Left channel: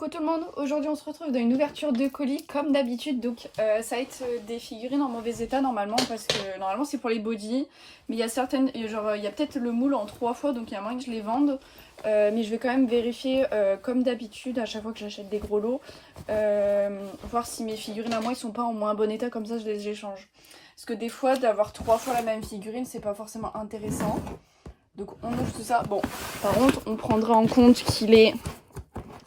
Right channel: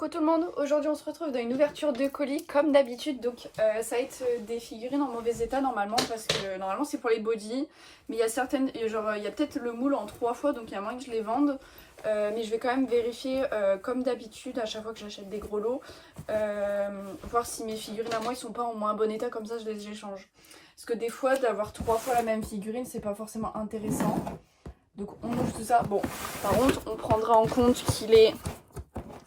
Coucou tout le monde, aujourd'hui on se retrouve dans une ouverture de colis comme d'habitude. Donc ça va être des figurines en mauvais état normalement, parce que normalement c'est pour les body. Mais il y a certaines, genre il y a peut-être le moule en 3 fois, donc il y a moyen que je les vende. Mais je vais quand même vérifier comme d'habitude à chaque fois que j'achète des gros lots, voir si mes figurines à moi ils sont pas en moins bon état, comme ça je les échange. Parce que des fois d'avoir 3 fois la même figurine c'est pas forcément intéressant. Donc on ouvre tout ça. Bon, par contre on prendra en compte qu'il est...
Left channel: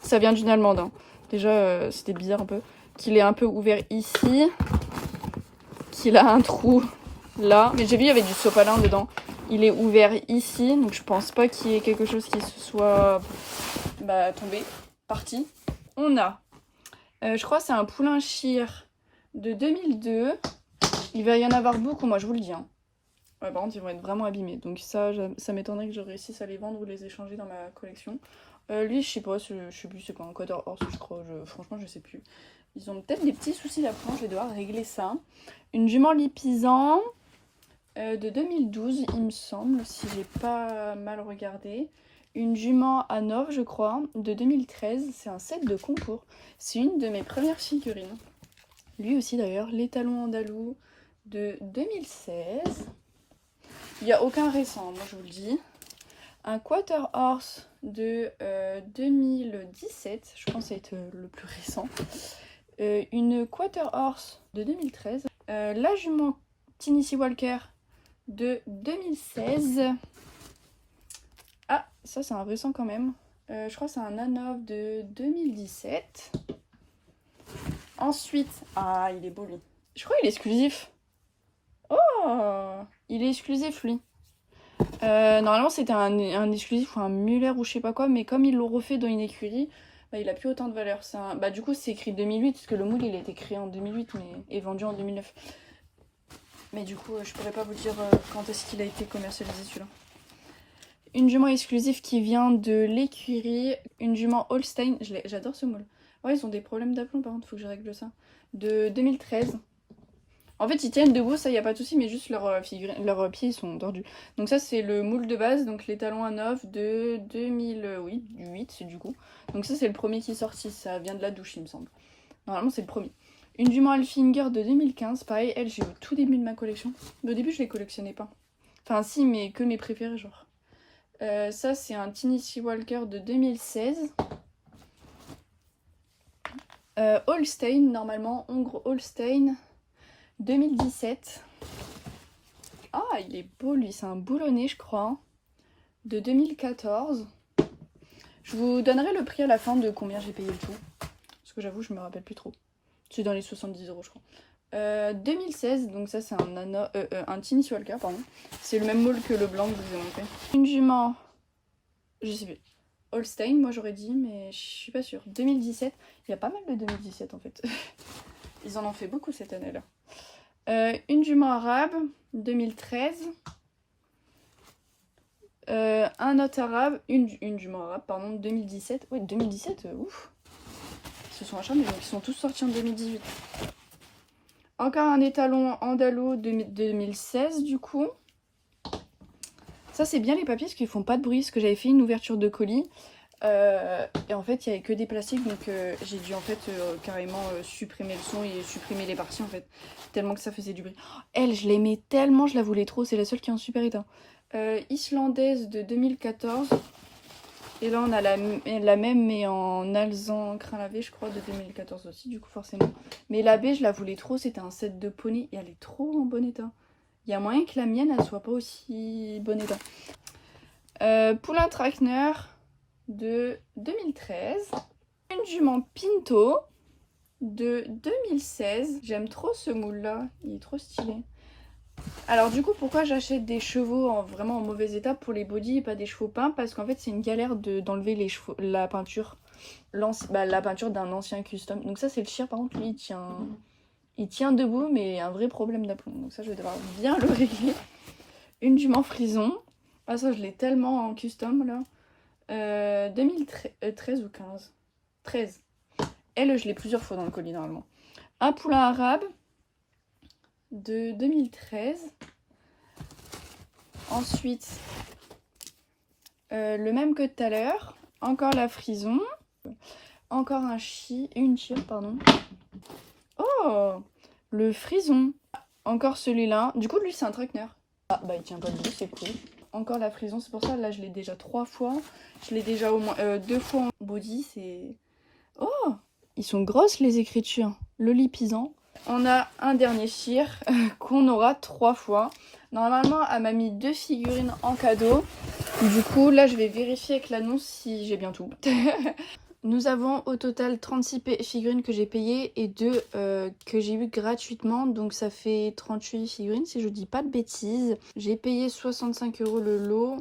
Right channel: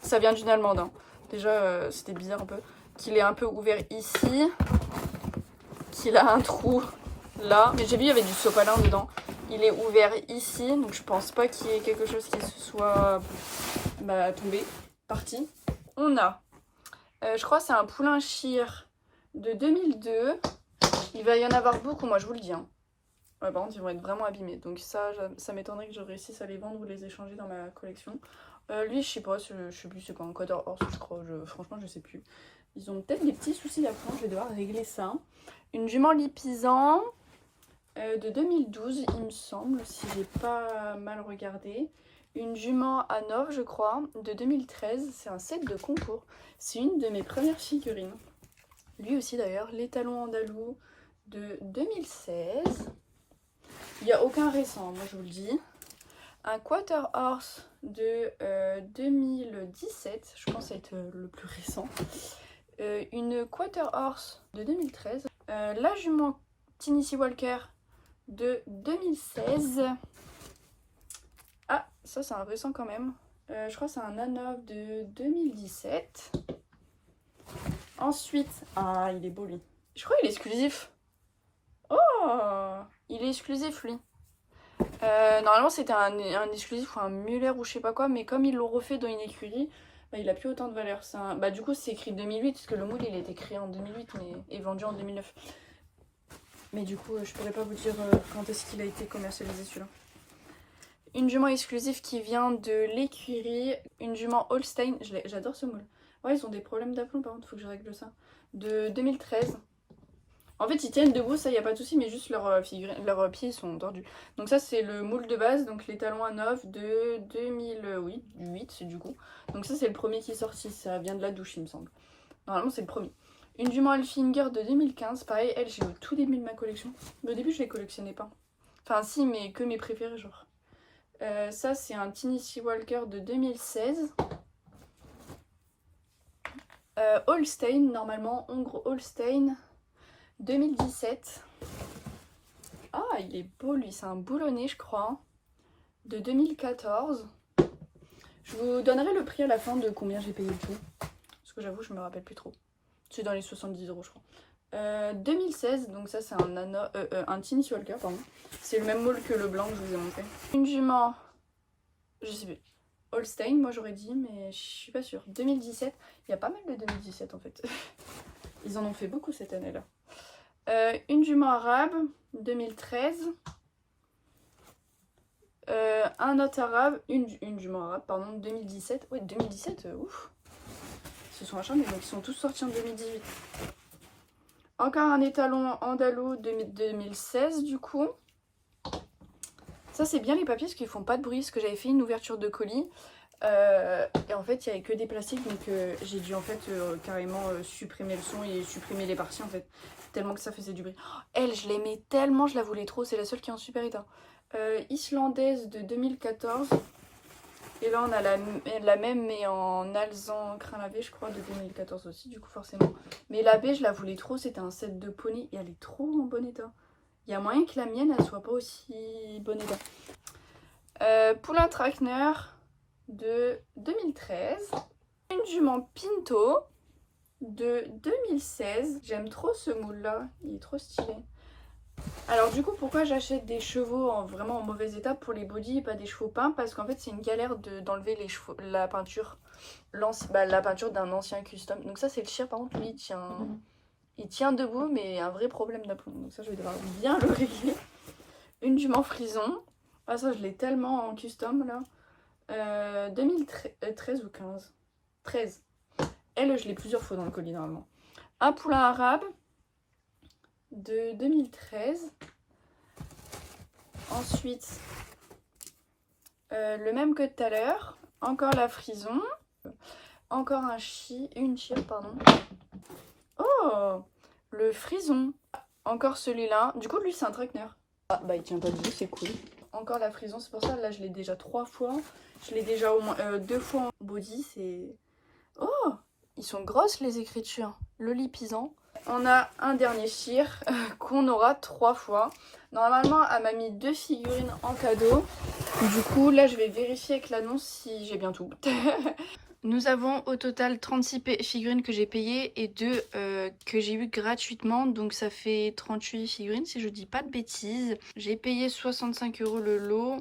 Ça vient d'une allemande, hein. Déjà c'était bizarre un peu. Qu'il est un peu ouvert ici. Qu'il a un trou là. Mais j'ai vu il y avait du sopalin dedans. Il est ouvert ici. Donc je pense pas qu'il y ait quelque chose qui se soit tombé. Parti. On a, je crois que c'est un poulain Shire de 2002. Il va y en avoir beaucoup, moi je vous le dis, hein. Par contre ils vont être vraiment abîmés. Donc ça m'étonnerait que je réussisse à les vendre ou les échanger dans ma collection. Lui, je sais pas, je sais plus, c'est pas un quarter horse, je crois, franchement, je sais plus. Ils ont peut-être des petits soucis d'apprendre, je vais devoir régler ça. Une jument lipisan de 2012, il me semble, si j'ai pas mal regardé. Une jument Hanovre, je crois, de 2013, c'est un set de concours. C'est une de mes premières figurines. Lui aussi, d'ailleurs, l'étalon andalou de 2016. Il n'y a aucun récent, moi je vous le dis. Un quarter horse de 2017, je pense être le plus récent. Une quarter horse de 2013. La jument Tennessee Walker de 2016. Ah, ça c'est un récent quand même. Je crois que c'est un Hanovre de 2017. Ensuite, ah il est beau lui. Je crois qu'il est exclusif. Oh, il est exclusif lui. Normalement c'était un exclusif ou un Muller ou je sais pas quoi, mais comme ils l'ont refait dans une écurie, il a plus autant de valeur. Du coup c'est écrit 2008, parce que le moule il a été créé en 2008 mais est vendu en 2009. Mais du coup je pourrais pas vous dire quand est-ce qu'il a été commercialisé celui-là. Une jument exclusive qui vient de l'écurie, une jument Holstein, j'adore ce moule. Ouais, ils ont des problèmes d'aplomb par contre, faut que je règle ça. De 2013. En fait, ils tiennent debout, ça y a pas de souci, mais juste leurs pieds ils sont tordus. Donc ça c'est le moule de base, donc les talons Hanovre de 2008 du coup. Donc ça c'est le premier qui est sorti, ça vient de la douche il me semble. Normalement c'est le premier. Une jument Alfinger de 2015, pareil, elle j'ai au tout début de ma collection. Mais au début je les collectionnais pas. Enfin si, mais que mes préférés genre. Ça c'est un Tennessee Walker de 2016. Holstein, normalement, Hongre Holstein 2017. Ah, il est beau lui, c'est un boulonné je crois. De 2014. Je vous donnerai le prix à la fin de combien j'ai payé le tout. Parce que j'avoue, je me rappelle plus trop. C'est dans les 70 € je crois. 2016, donc ça c'est un Tennessee Walker, pardon. C'est le même moule que le blanc que je vous ai montré. Une jument, je sais plus. Holstein, moi j'aurais dit, mais je suis pas sûre. 2017, il y a pas mal de 2017 en fait. Ils en ont fait beaucoup cette année-là. Une jument arabe, 2013. Un autre arabe, une jument arabe, pardon, 2017. Ouais, 2017, ouf. Ils se sont acharnés, donc ils sont tous sortis en 2018. Encore un étalon andalou de 2016 du coup. Ça c'est bien les papiers parce qu'ils font pas de bruit, parce que j'avais fait une ouverture de colis. Et en fait il n'y avait que des plastiques, donc j'ai dû en fait carrément supprimer le son et supprimer les parties en fait, tellement que ça faisait du bruit. Oh, elle je l'aimais tellement, je la voulais trop, c'est la seule qui est en super état. Islandaise de 2014. Et là on a la même mais en alezan crin lavé je crois de 2014 aussi du coup forcément. Mais la baie je la voulais trop, c'était un set de poney et elle est trop en bon état. Il y a moyen que la mienne elle soit pas aussi bon état. Poulain Trackner de 2013. Une jument Pinto de 2016. J'aime trop ce moule là, il est trop stylé. Alors du coup pourquoi j'achète des chevaux vraiment en mauvais état pour les body et pas des chevaux peints? Parce qu'en fait c'est une galère d'enlever les chevaux, la peinture d'un ancien custom. Donc ça c'est le Shire, par contre lui il tient debout mais un vrai problème d'aplomb. Donc ça je vais devoir bien le régler. Une jument frison. Ah ça je l'ai tellement en custom là. 2013 ou 15 13. Elle je l'ai plusieurs fois dans le colis normalement. Un poulain arabe de 2013. Ensuite, le même que tout à l'heure. Encore la frison. encore une cheer, pardon. Oh, le frison. Encore celui-là. Du coup, lui, c'est un traquenard. Ah, bah, il tient pas debout, c'est cool. Encore la frison, c'est pour ça, là, je l'ai déjà 3 fois. Je l'ai déjà au moins 2 fois en body, c'est... Oh, ils sont grosses, les écritures. Lolipisant. On a un dernier cheer qu'on aura 3 fois. Normalement, elle m'a mis 2 figurines en cadeau. Du coup, là, je vais vérifier avec l'annonce si j'ai bien tout. Nous avons au total 36 figurines que j'ai payées et 2 que j'ai eu gratuitement. Donc ça fait 38 figurines si je dis pas de bêtises. J'ai payé 65 € le lot.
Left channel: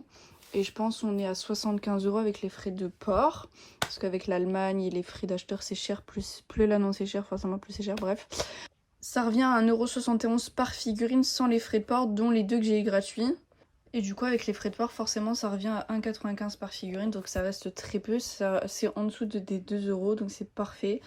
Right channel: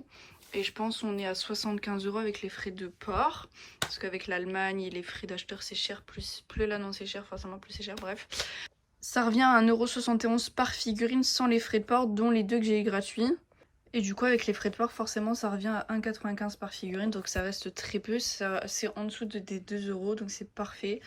Et je pense qu'on est à 75 € avec les frais de port. Parce qu'avec l'Allemagne et les frais d'acheteur c'est cher. Plus l'annonce est cher, forcément plus c'est cher, bref. Ça revient à 1,71 € par figurine sans les frais de port, dont les 2 que j'ai eu gratuits. Et du coup avec les frais de port forcément ça revient à 1,95 € par figurine. Donc ça reste très peu, c'est en dessous des 2 €, donc c'est parfait.